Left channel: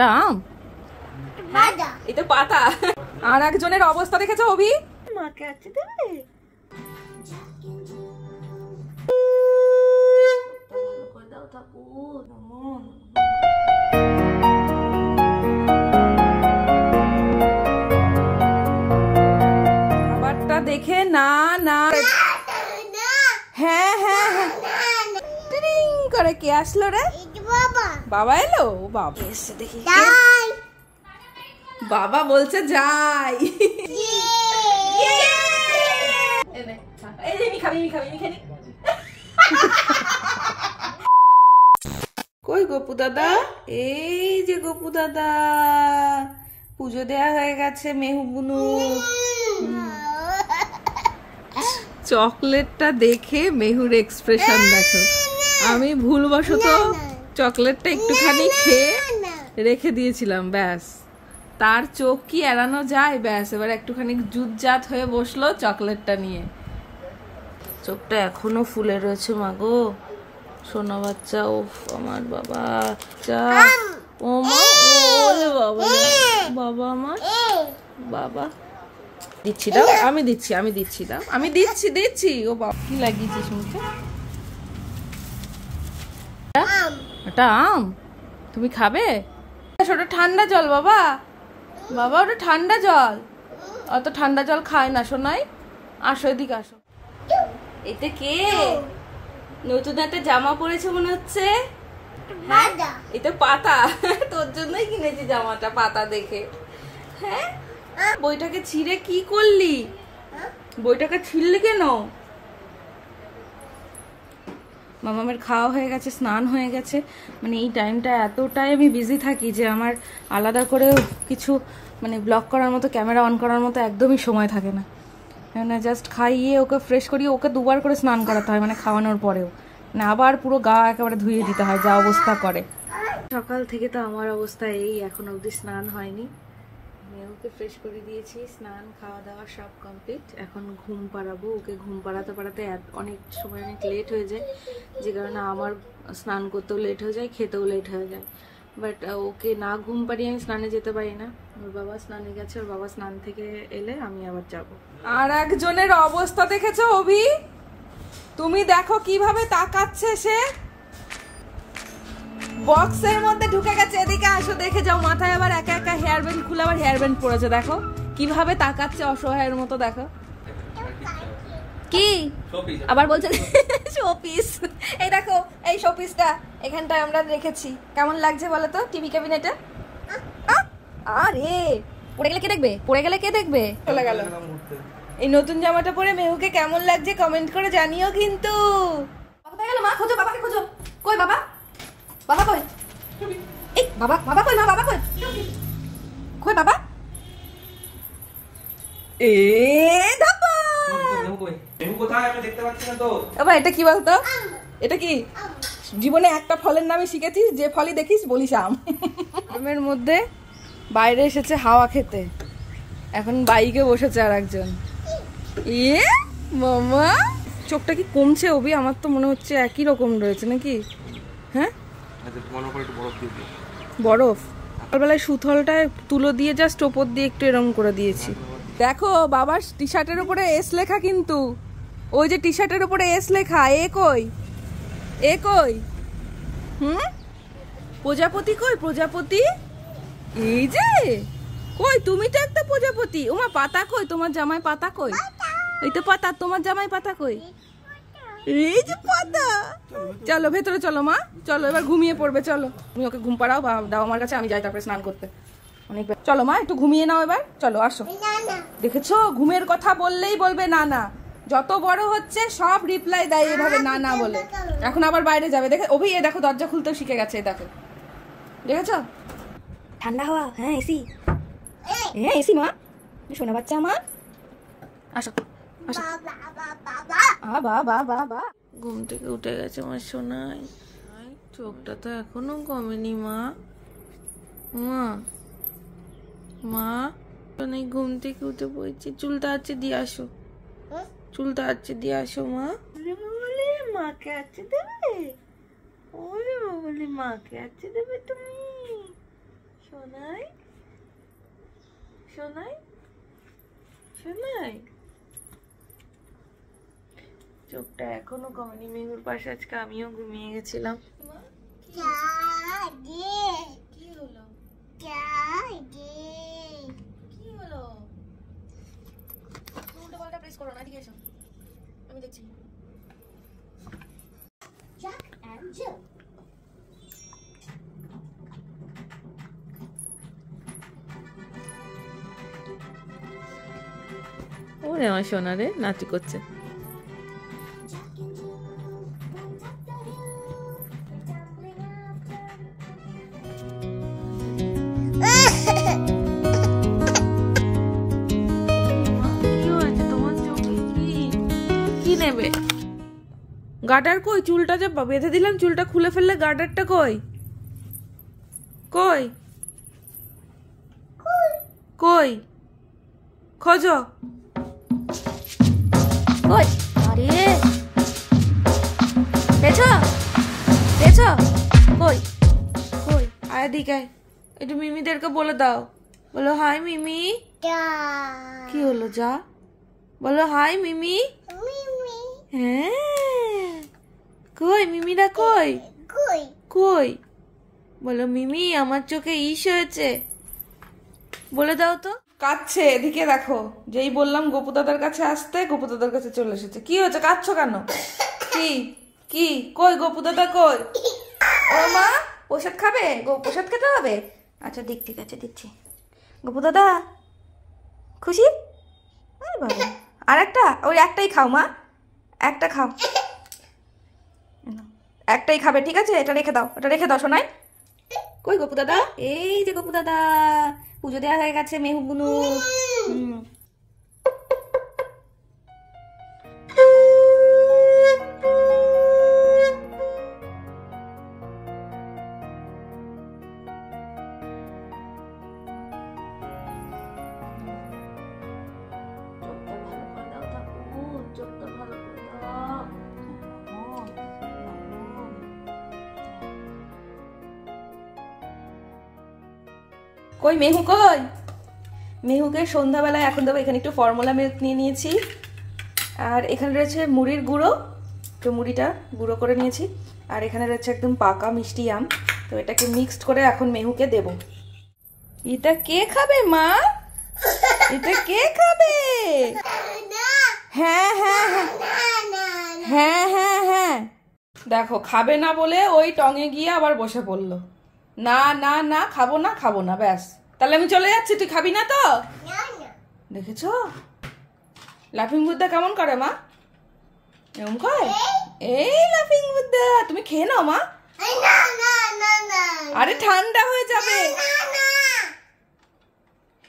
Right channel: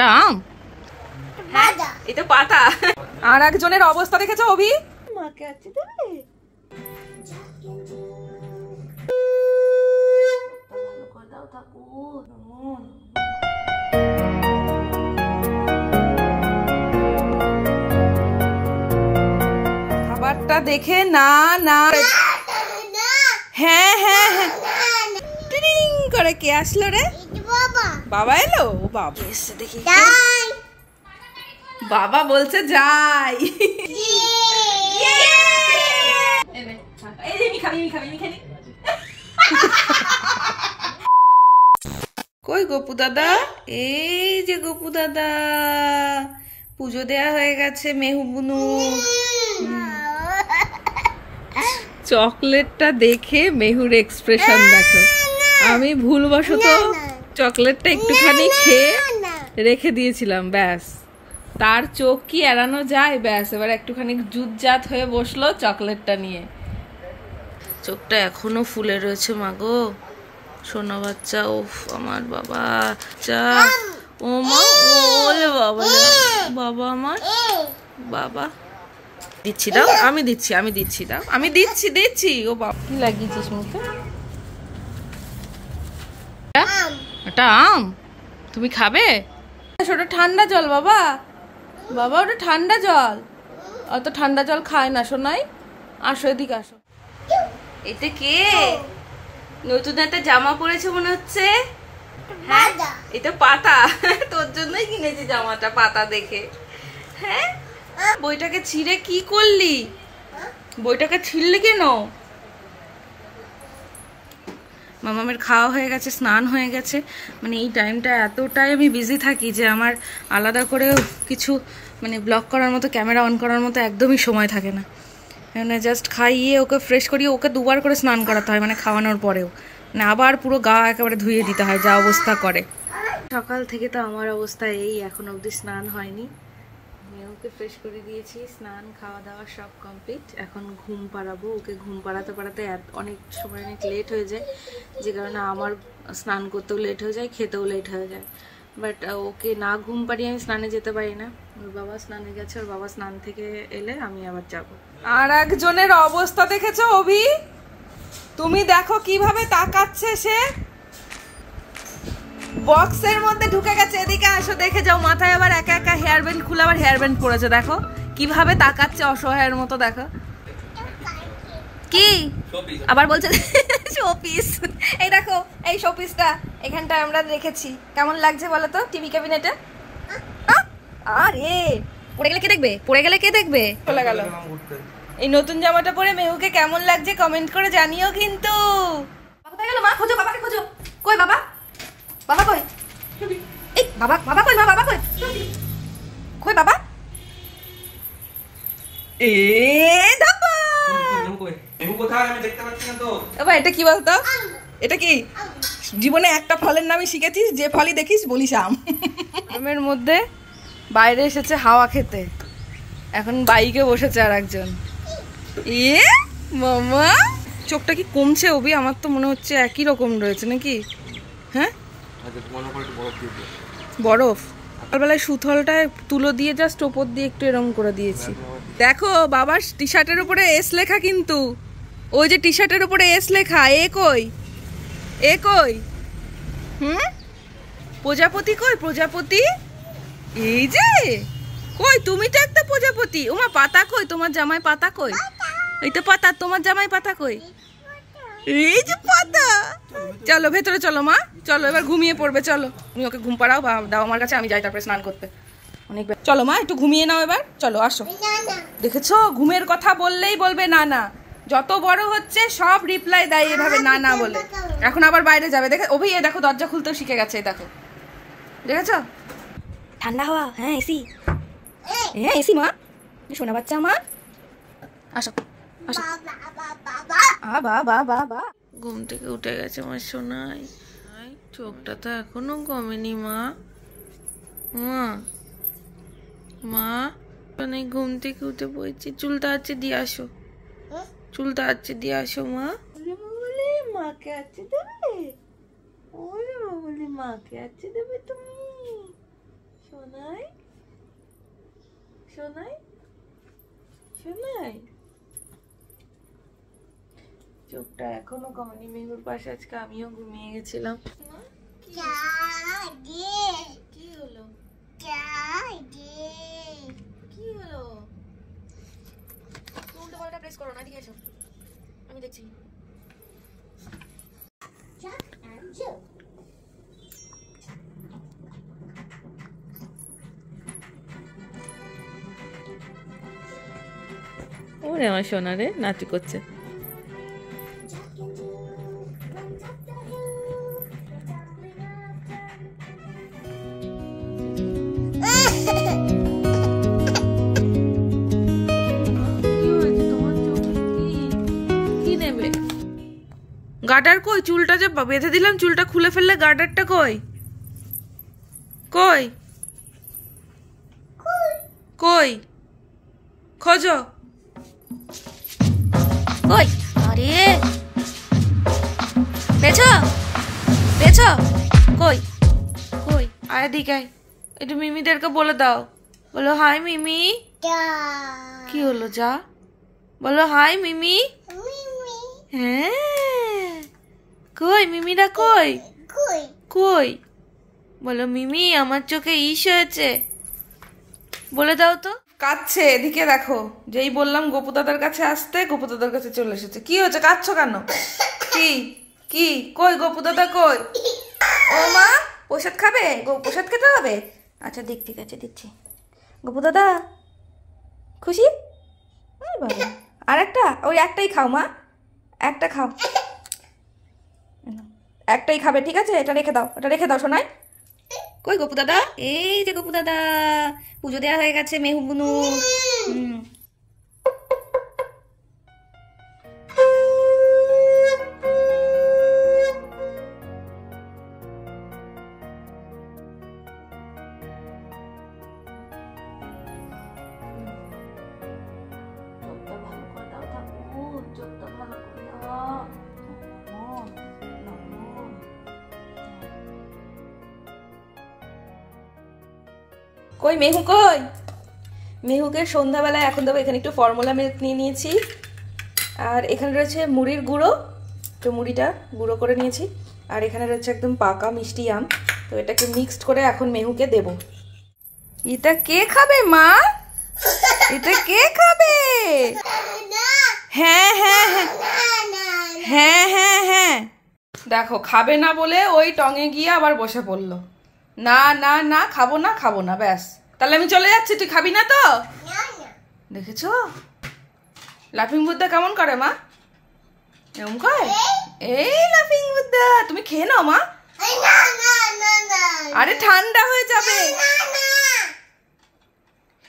এটা আম, এটা পাতা। আর একজনের অবস্থা দেখেছো অভি? মাকে আছে দেবে। খাবারটা দেখে না না, হ্যাঁ হ্যাঁ হ্যাঁ টিং করে কে আসলো রে? বাবা এলো। বাবা এসে দেখি, বাবা বলছে যাই। কই গপু দাদা? এই যে গপু দাদা, পুজো দেয়া হয়ে গেছে মেহুবুনু। চকলেটটা দেখে মেহুর এক্সপ্রেশন দেখো। আমি ভুলবশত চকলেটটা একটুখানি খেয়ে রেখে দিয়েছিলাম, ব্যাস তার চোখ কি এড়ানো যায়? ব্যাস এবার একটুখানি জুতজাত হয়ে বসলো চকলেটটা নিয়ে। চোখটা এখনো ফুলে রয়েছে মাগো সোনা বাচ্চা। ওফ আমার বাবা চা, ও মা, ওলে বাবা, বাবা আমার বাবা। দিচ্ছি দাও, আমি দিচ্ছি, আমি দিচ্ছি দাও, আমি দিচ্ছি দিচ্ছি। ও বাবা কি লাগিয়েছিস মুখে? এটা আম, তুমি খাবে? ওটা ঠান্ডা জল বাবা, বাবা ওটা ঠান্ডা জল, অত ঠান্ডা জল খায় না সোনাই। আসো এদিকে আসো। এটা কে? নতুন একটা জামা পরেছে মনে হচ্ছে। হ্যাঁ এটা পাতা, তোর জন্যই কিনেছি জামাটা পাতা দেখে। হ্যাঁ বইটাকে ছিঁড়ে কি করলি? বইটাকে ছিঁড়লি কেন? মামামের খাওয়া হয়ে গেছে, স্নান হয়ে গেছে। মানে এই টাইমটা এতটাই আমি বিজি থাকি যে আমার আলাদা করে কিছু মানে ব্লগ করার মতো, ক্যামেরা অন করার মতো একদমই সময় থাকে না। মানে জাস্ট খাইয়ে ওকে ফ্রেশ করিয়ে ওকে দুবার করে স্নান করাতে হয়, মানে খাওয়ানোর পরেও। মানে আবার পুরো গা একেবারে ধুয়ে দিতে হয়, যা অবস্থা করে। সকাল থেকে তো আমার অবস্থা এই, এখন অবধি স্নান হয়নি। ওকে ফ্রেশ করে দিয়েছি, স্নান খাওয়া দাওয়া সব কমপ্লিট। এখন ঘুম পাড়াবো ওকে। ঘুম পাড়াতে পাড়াতে অনেক সময় অনেক লেট হয়ে যায়, যে কারণে আমার স্নান করতেও লেট হয়ে যায়, খেতেও লেট হয়ে যায়। বাট ওকে না ঘুম পাড়িয়ে আমি স্নানে যেতে পারি না। ওর বাবা স্নানে গেছে, ওর বাবা স্নান থেকে এলে আমি আবার যাব। আর একজনের অবস্থা দেখেছো অভি? তুমি দেখো কিভাবে তাকাচ্ছে সে। বক্সের মধ্যে ঢুকে গেছে। এদিকে আসো দেখে যাও, মাথায় আবার একা একা হেয়ার ব্যান্ড খুলে আবার হেয়ার ব্যান্ড পড়েছে। দেখো কিভাবে তাকাচ্ছে অসহায়ের মতো। দেখো কি আবার বলছে শোপিস। এই দেখো এই শোপিসটা এখানটায় আমরা রেখেছি, কেমন লাগছে বলো তো টিভি ক্যাবিনেটে? আরে পড়ে গেলে কে দেখবে? পড়ে গেলে কে দেখবে? চলে গেল। এই নতুন জামাটা পরে মেহুকে কেমন লাগছে কমেন্ট করে জানিও কিন্তু। কোথায় গেল মা? খোঁজো বাবাকে, খোঁজো। কই বাবা? বাবা কই? এই বাবা, বাবা কই? মা বাবা কই? কই বাবা? এ দাপা মেহু কোথায়? আমি দেখতে পাচ্ছি না তো। বাবা এটা কি বলতো? এটা কি? জীবনে একটা ফলের নামই শিখেছিস, যে ফলই দেখিস বলিস আম। আমের মধ্যে বাইরে এসেছে হাওয়া খেতে, এখন বাইকে বসেছে আর একজন। এ মামা চোখটা কি কমছে অভি? আমার তো মনে হচ্ছে একই রকম রয়েছে নাকি? হ্যাঁ বরফ। সকালবেলায় সুথলটায় তুলো দিয়ে জাস্ট ওপর দিয়ে একটু এরম করে দিয়েছি। দেখো বাবার টি শার্টের উপরে এস লেখা, কিন্তু ওই যে টি শার্টের উপরে এস লেখা, এ কই? এ কই? প্রজাপতি কই? প্রজাপতি এই যে কই? তুমি তো একটা প্রজাপতি। ওমা পাতা কই? তোমার জামাই পাতা কই? এই তো পাতা, তোমার জামাই পাতা কই? এই যে পাতা। চলো ভেতরে চলো মা, চলো এবার ঘুমিয়ে পড়বে। চলো তুমি ওকে ঘুম পাড়াও বা দাও আমার কাছে, আমি যাই তারপরে স্নান করতে। অনেক চলো মা একটু ঘুমিয়ে নাও এবার, চলো আসো। দেখেছো ঘুমের কথা বললেই বলবে না না, যত বড় হচ্ছে সব রিপ্লাই দেয় এভাবে না না বলে। এখন আবার বাইরে যাবে। দেখে অভি এ দেখো দরজা খুলতেও শিখে গেছে। দেখো দেখেছো? ঠান্ডা হাওয়া। হ্যাঁ এসি, হ্যাঁ এসি মা। শোনা বাচ্চা আমার, আসো আসো। বাবা ঘুম থেকে উঠে গেছে আমার সোনাই। চোখটা তো এখনো কমেনি মা। মা মা অনেক ঘুম থেকে উঠে পড়েছি। চুলটা আছে দিয়ে আসো, চুলটা আছে দিয়ে আসো মা। বলে মাকে আছে দেবে? ওরে বলে মাকে আছে দেবে তুমি? সোনাই সোনাই সোনাই, চোখটা এখনো কমেনি। মেহুর পাশে আজকে আমিও ঘুমিয়ে গেছিলাম। কি হলো? কি হলো? উল্টো পাল্টা প্রেস করো না, ঠিক আছে? আমি দেখছি। ওরে আমার সোনা রে, নাচি করছে। গার্ডার কই? চুলটা যে বেঁধে দিলাম, চুলটা খুলে ফেললে গার্ডারটা কই? কই কই খোঁজো। কই? আরে পেছো পেছো, কই কই? আয় দিকে, একটু মিমিদেরকে বলে দাও, বলো হাই মিমি। কি হলো? যা বলো হাই মিমি। হ্যাঁ, কই মিমিরা? কই কই? বলো মিমি আমার চোখে ইস হয়েছে, বলে দাও তো। কাঁদছে, এদিকে দেখো। যেই বললাম গোপু দাদার কাছে আসতে, গোপু দাদার কাছে চলে এসেছে। কি হয়েছে, কাঁদছো কেন? কি কি কই গোপু দাদা কই? ও মা, প্রসাদ খাবে? প্রসাদ খেতে হবে? আচ্ছা দিক, ঠিক আছে দিচ্ছি। গোপু দাদা খুশি? বাবা, আর একটা? ওই একটাই খাও মা, একটা খাও, একটাই খাবে, ঠিক আছে? এটা রেখে দাও, এটা রেখে দাও শোনাই। কই গোপু দাদা? এই যে গোপু দাদা, পুজো দেওয়া হয়ে গেছে মেহু বুনু। কই মেহু কই? মেহুকে সন্ধ্যাবেলায় এখন দেবো। এখানে একটু ফর্মুলা মিল্ক নিয়ে নিয়েছি, আর এখানে রয়েছে মুড়ির গুঁড়ো, তো মুড়িটা গুঁড়ো করে নিয়েছি, আর এখানে রয়েছে একদম পাকা মিষ্টি আম। তো এটাকে মিক্সড করে এখন মেহুকে দেব। এটা কে খাবে মা? এটা কে খাবে? হ্যাঁ হ্যাঁ হ্যাঁ হ্যাঁ হ্যাঁ হ্যাঁ, দেখো খাবে না বলে ওই টঙে গিয়ে আবার বসে পড়লো। না না না, খাবো না খাবো না, ব্যাস। তাহলে আমি চলে যাচ্ছি, তুই খাবি না তো? দেখেছো লাফিং বুদ্ধা কেমন করে মা? এরকম করে? এই লাফিং বুদ্ধা, তুমি খেয়ে নাও মা। আরে ঠান্ডা হয়ে যাবে,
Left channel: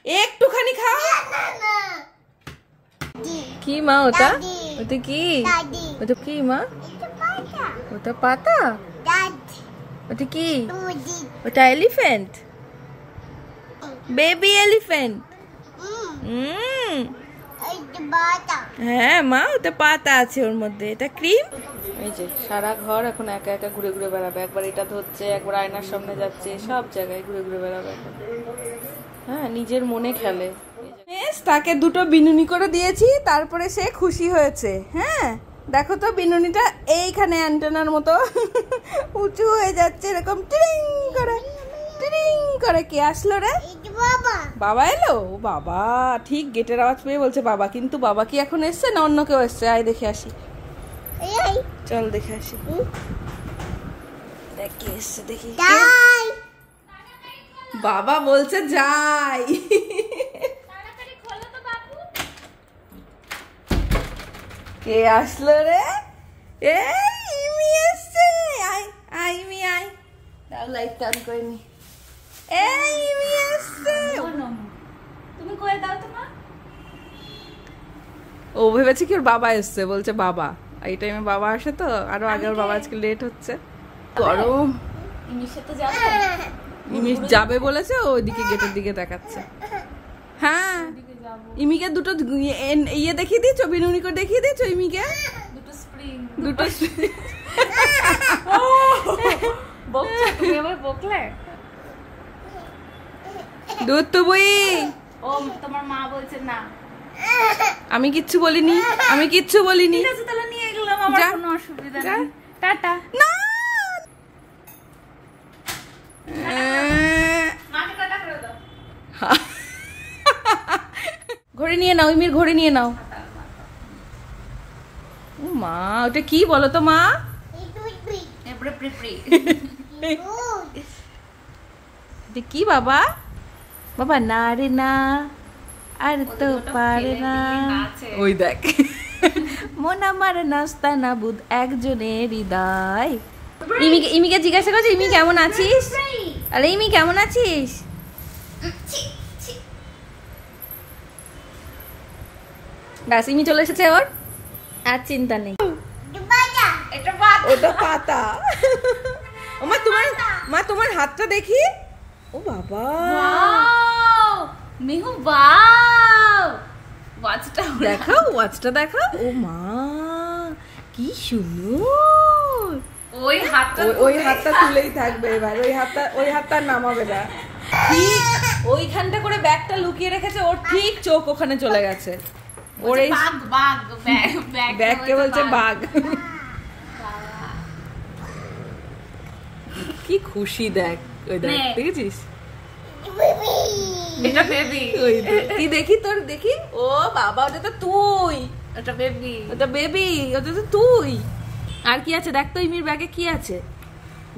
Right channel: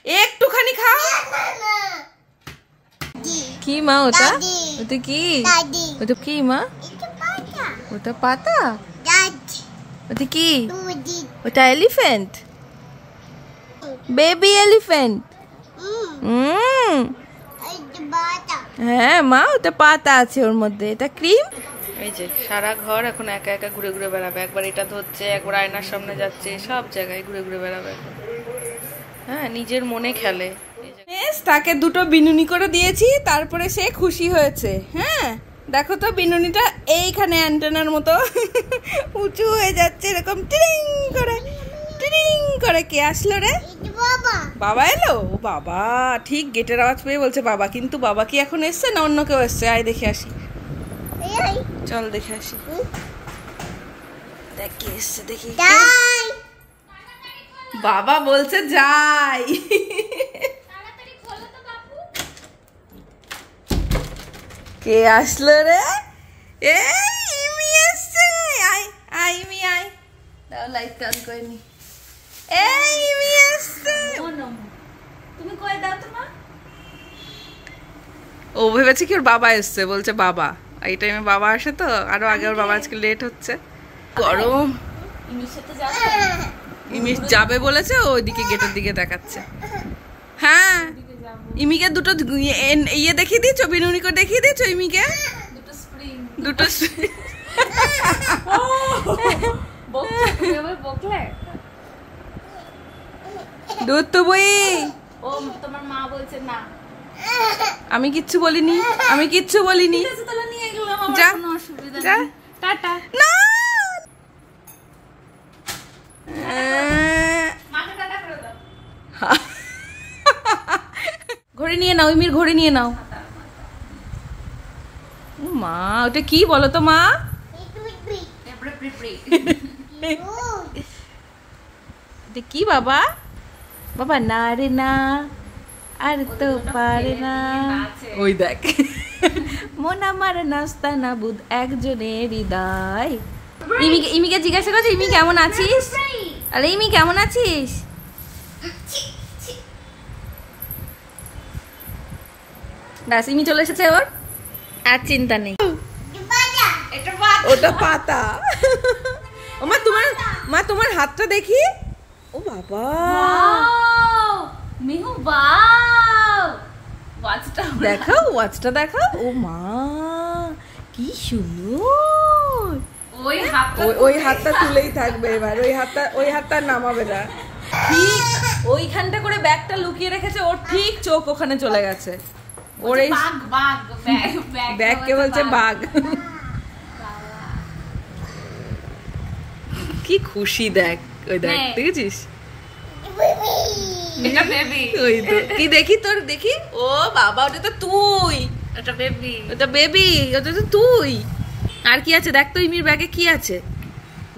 একটুখানি খাও। কি মা ওটা? ওটা কি? ওটা কি মা? ওটা পাতা? ওটা কি? ওটা এলিফ্যান্ট, বেবি এলিফ্যান্ট। হ্যাঁ মা, ওটা পাতা আছে ওর মধ্যে, এটা ক্রিম। এই যে সারা ঘর এখন একা একা ঘুরে ঘুরে বেড়াবে। একবার এটা ধরছে, একবার আয়নার সামনে যাচ্ছে, সব জায়গায় ঘুরে ঘুরে বেড়াবে এখন। হ্যাঁ, নিজের মনে খেলে। তাকে দুটো বিনুনি করে দিয়েছি, তারপরে সে খুশি হয়েছে। হ্যাঁ দেখো তো, বিনুনিটা এইখানে অ্যান্টেনার মতো উঁচু হয়ে যাচ্ছে, এরকম টিরিং করে টিরিং করে। কে আসলো রে? বাবা এলো? বাবা ঠিক গেটের আওয়াজ পেয়ে বলছে বাবা, কিন্তু বাবা কি এখন এসছে না অন্য কেউ এসছে? আয় দেখে আসি, চল দেখে আসি। দেখ কে এসছে, দেখি। বাবা বলছে যাই। কে আসলো রে? এই ইমি এসছে, আয় আয় ইমি আয়। দাও লাইট অন করে নি। এই ইমি এসছে, তুমি কই দাও তো মা। ও ভেবেছে কি ওর বাবা এসছে, বলছে বাবা। এই টাইমে বাবা আসে তো, আরো আগে ওর বাবা আজকে লেট হচ্ছে। গরম। ইমির সাথে যাবে? ইমি যাবে বলেছে, ওইদিকে গেটের দিকে দেখাচ্ছে। হ্যাঁ ইমিকে দুটো ইয়ে দেখিয়ে দিয়েছো, বিনুনি করে দেখিয়ে দিয়েছো ইমিকে? দুটো দুধ তো বই। ও তোমার মা বলছে না। আমি কিচ্ছু বলিনি, আমি কিচ্ছু বলিনি। তাহলে নিয়ে গেলাম, আমার কোনো অসুবিধা নেই। টাটা। না মাকে টাটা করে দাও। ঘড়ি নিয়ে নাও, ইমির ঘড়ি নিয়ে নাও। ও মা, ওটা কি বলো তো মা? এটা কি বাবা? বাবা না রে না, আর তো পারে না। ওই দেখ, মন আমার নাস্তা না বুধ একজনের হৃদয়। ইমিকে জিজ্ঞাসা করছে ইমি কেমন আছিস? আরে ইমি কেমন আছিস? ব্যাস, ইমি চলে এসেছে, ওর আর চিন্তা নেই। ওটা পাতা। মা তোমার হাতটা দেখি। ও বাবা, মেহু বাও, ওয়াচটা দেখাও, ওয়াচটা দেখাও। ও মা কি সুন্দর। ওই হাতটা তুলেই থাকবে এবার, ওই হাতটা নামাবে না। ঠিক ওইখানটা করে ব্যাগটা লুকিয়ে রেখেছে, ওর ঠিক চোখ ওখানে চলে গেছে। ওর এই ব্যাগকে বলছে বাঘ। কি খুশি দেখ, ওই দেখ, দেখেছিস? এটা বেবি। ওই তো, কি দেখি তোর, দেখি। ও বাবা, ওটা তো তুই। এটা বেবি, ওটা বেবি, ওটা তো তুই। আর কি আছে দেখ তো, ইমির ব্যাগে কি আছে?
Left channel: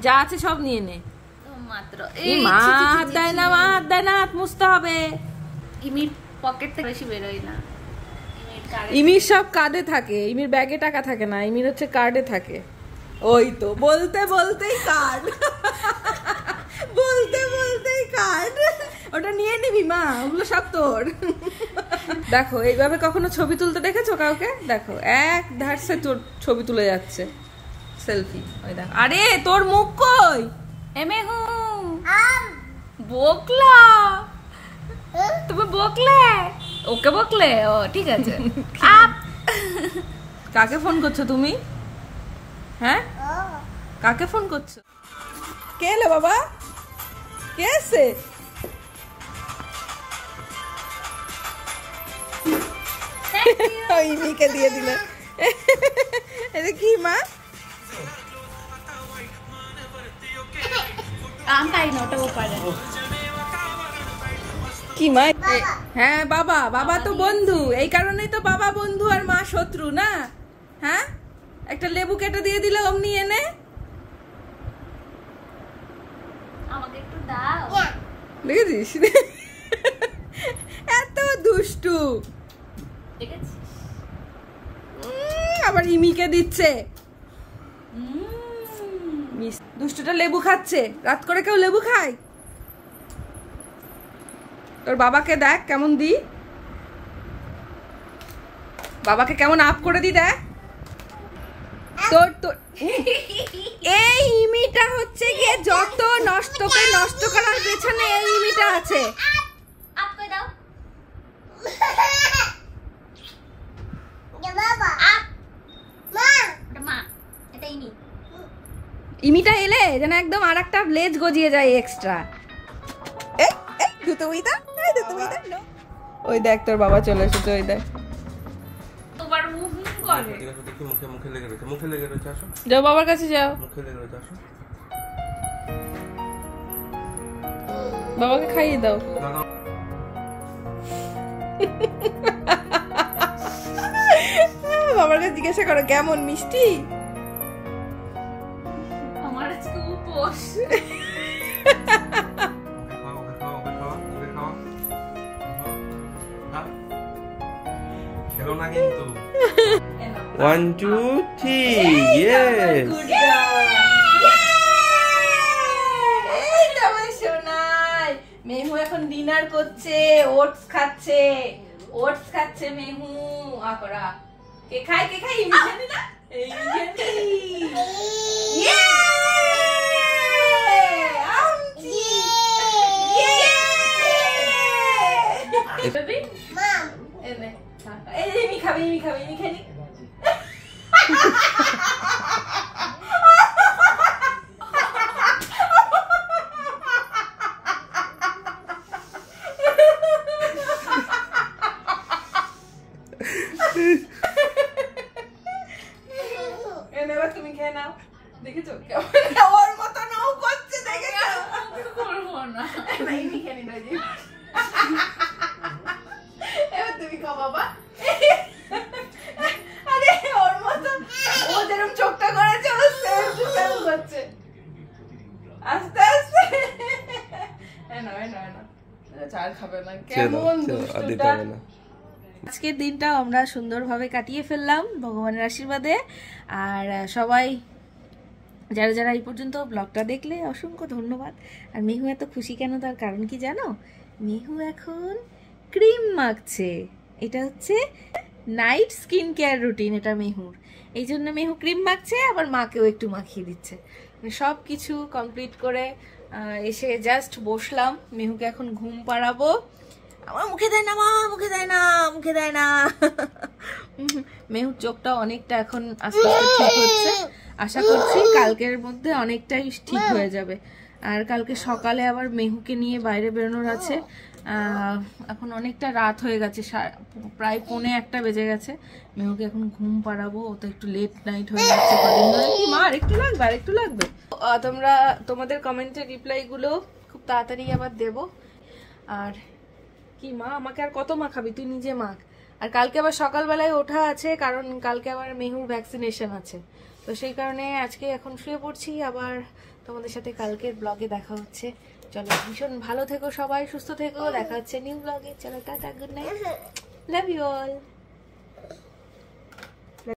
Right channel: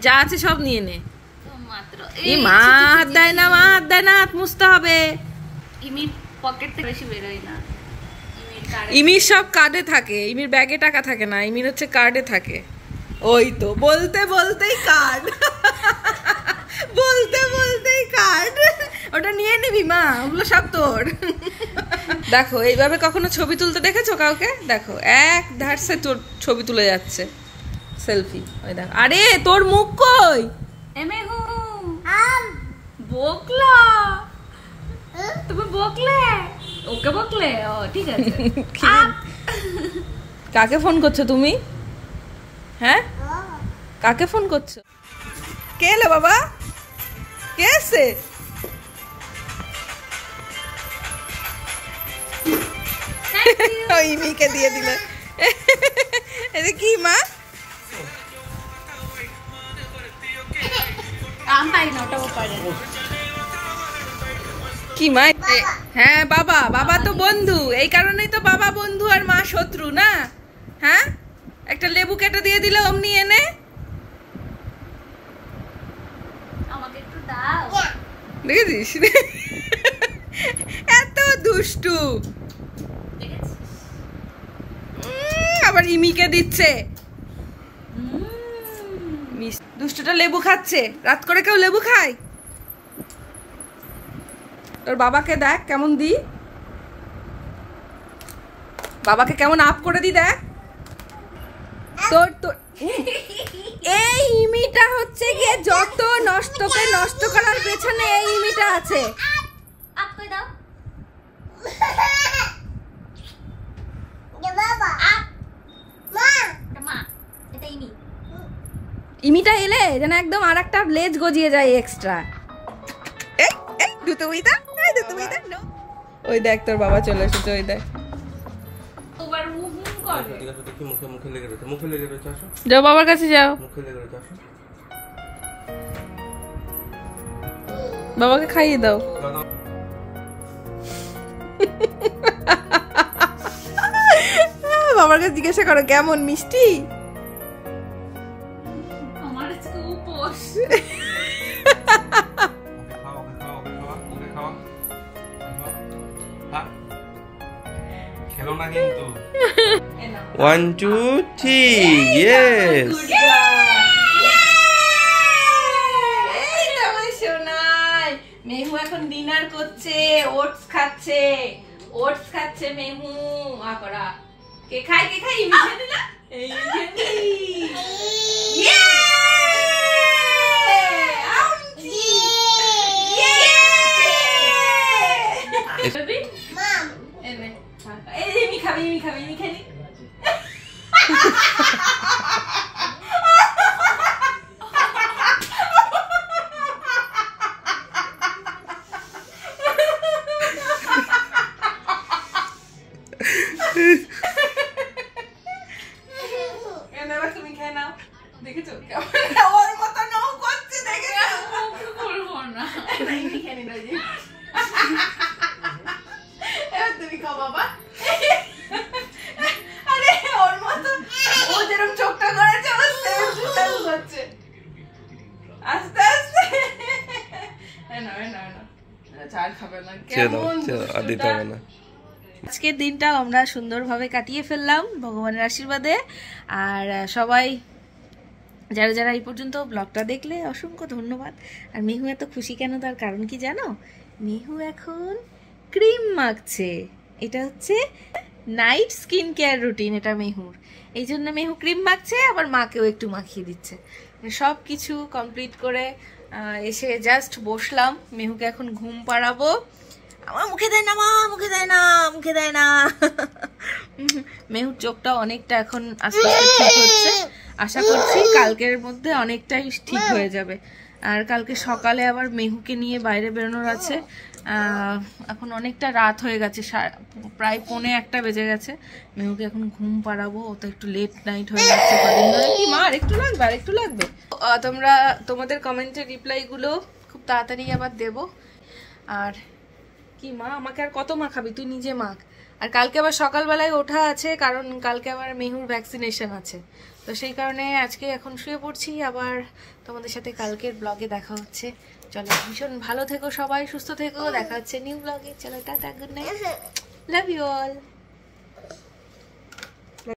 যা আছে সব নিয়ে নে। মাত্র এই মা হাত দেয় না, মা হাত দেয় না, হাত মুছতে হবে। ইমির পকেট থেকে বেশি বেরোয় না। ইমির সব কার্ডে থাকে, ইমির ব্যাগে টাকা থাকে না, ইমির হচ্ছে কার্ডে থাকে। ওই তো, বলতে বলতেই কার্ড, বলতে বলতেই কার্ড। ওটা নিয়ে নিবি মা, ওগুলো সব তোর। দেখো, এইভাবে কখনো ছবি তুলতে দেখেছো কাউকে? দেখো, এক ধারসে তোর ছবি তুলে যাচ্ছে, সেলফি। ওই দেখ, আরে তোর মুখ কই? এমেহু বকলা, তুমি বকলে, ওকে বকলে? ও ঠিক আছে। কাকে ফোন করছো তুমি? হ্যাঁ, কাকে ফোন করছো? কে এলো বাবা? কে এসে? ইমিকে দিয়ে দিল। এটা কি মা? আমি পারি না, ওটাও পারে। কি মা? হ্যাঁ বাবা, বাবা তো বন্ধু, এই কারণেই তো বাবা বন্ধু আর মা শত্রু না। হ্যাঁ, একটা লেবু কেটে দিয়ে দিলে অমনি এনে। আমাকে একটু দাও। দেখেছিস এত দুষ্টু। আবার ইমিকে দিচ্ছে। দুষ্টুটা লেবু খাচ্ছে। রাত করে কেউ লেবু খায়? তোর বাবাকে দেখ কেমন দি, বাবাকে কেমন আপ করে দি দেখ। তোর তোর এই ইমিটা হচ্ছে গিয়ে যত নষ্টকে নষ্ট করার পেছনে এই ইমিটা আছে। আপ করে দাও। ইমিটা এলে যেন একদম আর একটা লেজ গজিয়ে যায় এক্সট্রা। ওই দেখ তোর বাবা চলে এসেছে, ওই দেখ। যাও বাবার কাছে যাও, বাবাকে খাইয়ে দাও। বাবার কাছে জিজ্ঞাসা করো কেমন মিষ্টি। আমার খুব পোষ। খেলো না কিন্তু। 1 2 3 yes। এই তো আমার সোনাই মেহু এখন ডিনার করছে, ওটস খাচ্ছে, ওটস খাচ্ছে মেহু। আকরা কে খায়, কে খায়? ইমি খায় না? এই ইয়ে আমজি ইয়ে বেবি মম এনে এই ইমি খাবে, ইমি খাবে, ইমি খালি। চার খাবে না, চলো চলো আর দিতে হবে না। আজকের দিনটা আমরা সুন্দরভাবে কাটিয়ে ফেললাম ভগবানের আশীর্বাদে। আর সবাই যারা যারা এই পর্যন্ত ব্লগটা দেখলে অসংখ্য ধন্যবাদ। আর মেহু এত খুশি কেন, তার কারণ কি জানো? মেহু এখন ক্রিম মাখছে। এটা হচ্ছে নাইট স্কিন কেয়ার রুটিন, এটা মেহুর। এই জন্য মেহু ক্রিম মাখছে, আবার মাকেও একটু মাখিয়ে দিচ্ছে। সব কিছু কমপ্লিট করে এসে জাস্ট বসলাম। মেহুকে এখন ঘুম পাড়াবো। আমার মুখে দেয় না মা, মুখে দেয় না, মুখে দেয় না। মেহুর চোখটা অনেকটা এখন আস্তে আস্তে ঠিক হচ্ছে। আশা করছি কালকের মধ্যে অনেকটাই ঠিক হয়ে যাবে। আর কালকে সকালে আবার মেহুকে নিয়ে বাইরে বেরোনোর আছে। এখন অনেকটা রাত হয়ে গেছে, প্রায় 1:45 বেজে গেছে। মেহুকে এখন ঘুম পাড়াবো, ও তো একটু লেট নাইট হয়ে যাচ্ছে কদিন ধরে। কি মা, আর একটু লাগবে, আর একটু লাগবে? তোমরা তোমাদের কমেন্টের রিপ্লাইগুলো খুব তাড়াতাড়ি আবার দেবো। আর কি মা, আমাকে আর কত মাখাবি, তুই নিজে মাখ। আর কালকে আবার সকালবেলায় ওঠা আছে, কারণ কালকে আবার মেহুর ভ্যাকসিনেশন আছে। তো সেই কারণে আজকে এখন শুয়ে পড়ছি। আবার তোমাদের সাথে কালকের ব্লগে দেখা হচ্ছে। চলো, ভীষণ ভালো থেকো সবাই, সুস্থ থেকো। দেখা হচ্ছে নিউ ব্লগে। চলো, tata, good night, love you all.